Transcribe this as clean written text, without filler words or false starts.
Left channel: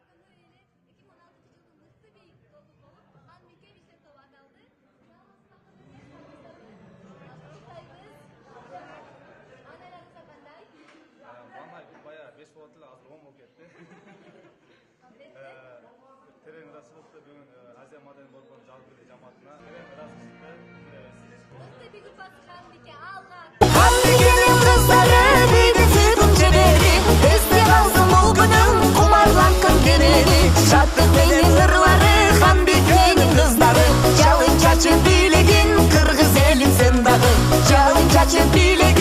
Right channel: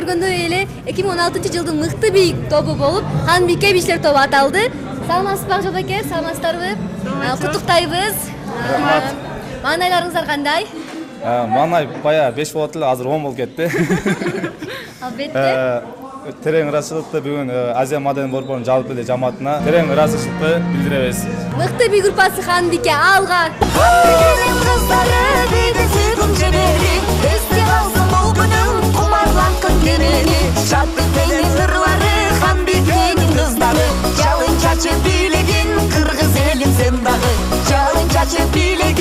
көргөндөй эле 2016-жылдын мыкты бийик тобу болуп, Ханбике бичлер тобу аталды. Саламатсызбы Жолдоке, саламатсыздарбы? Куттуктайбыз. Маанайларыңыздар кандай? Маанай бая 5 болот эле, азыр 10 болуп кетти. Албетте. Терең ыраазычылыкты бүгүн Азия Маданий борборунун жалпы эле жамаатына терең ыраазычылыкты билдиребиз. Мыкты бий группасы Ханбике алга. Ханбикенин кыздары бийди сүйкүм чебери, эсте калсын бул күнүм кумарланткан денени. Шаттык менен ырлары Ханбикенин кыздары, жалын чачып бийлегин кыргыз элин сен дагы, жалын чачып бийлегин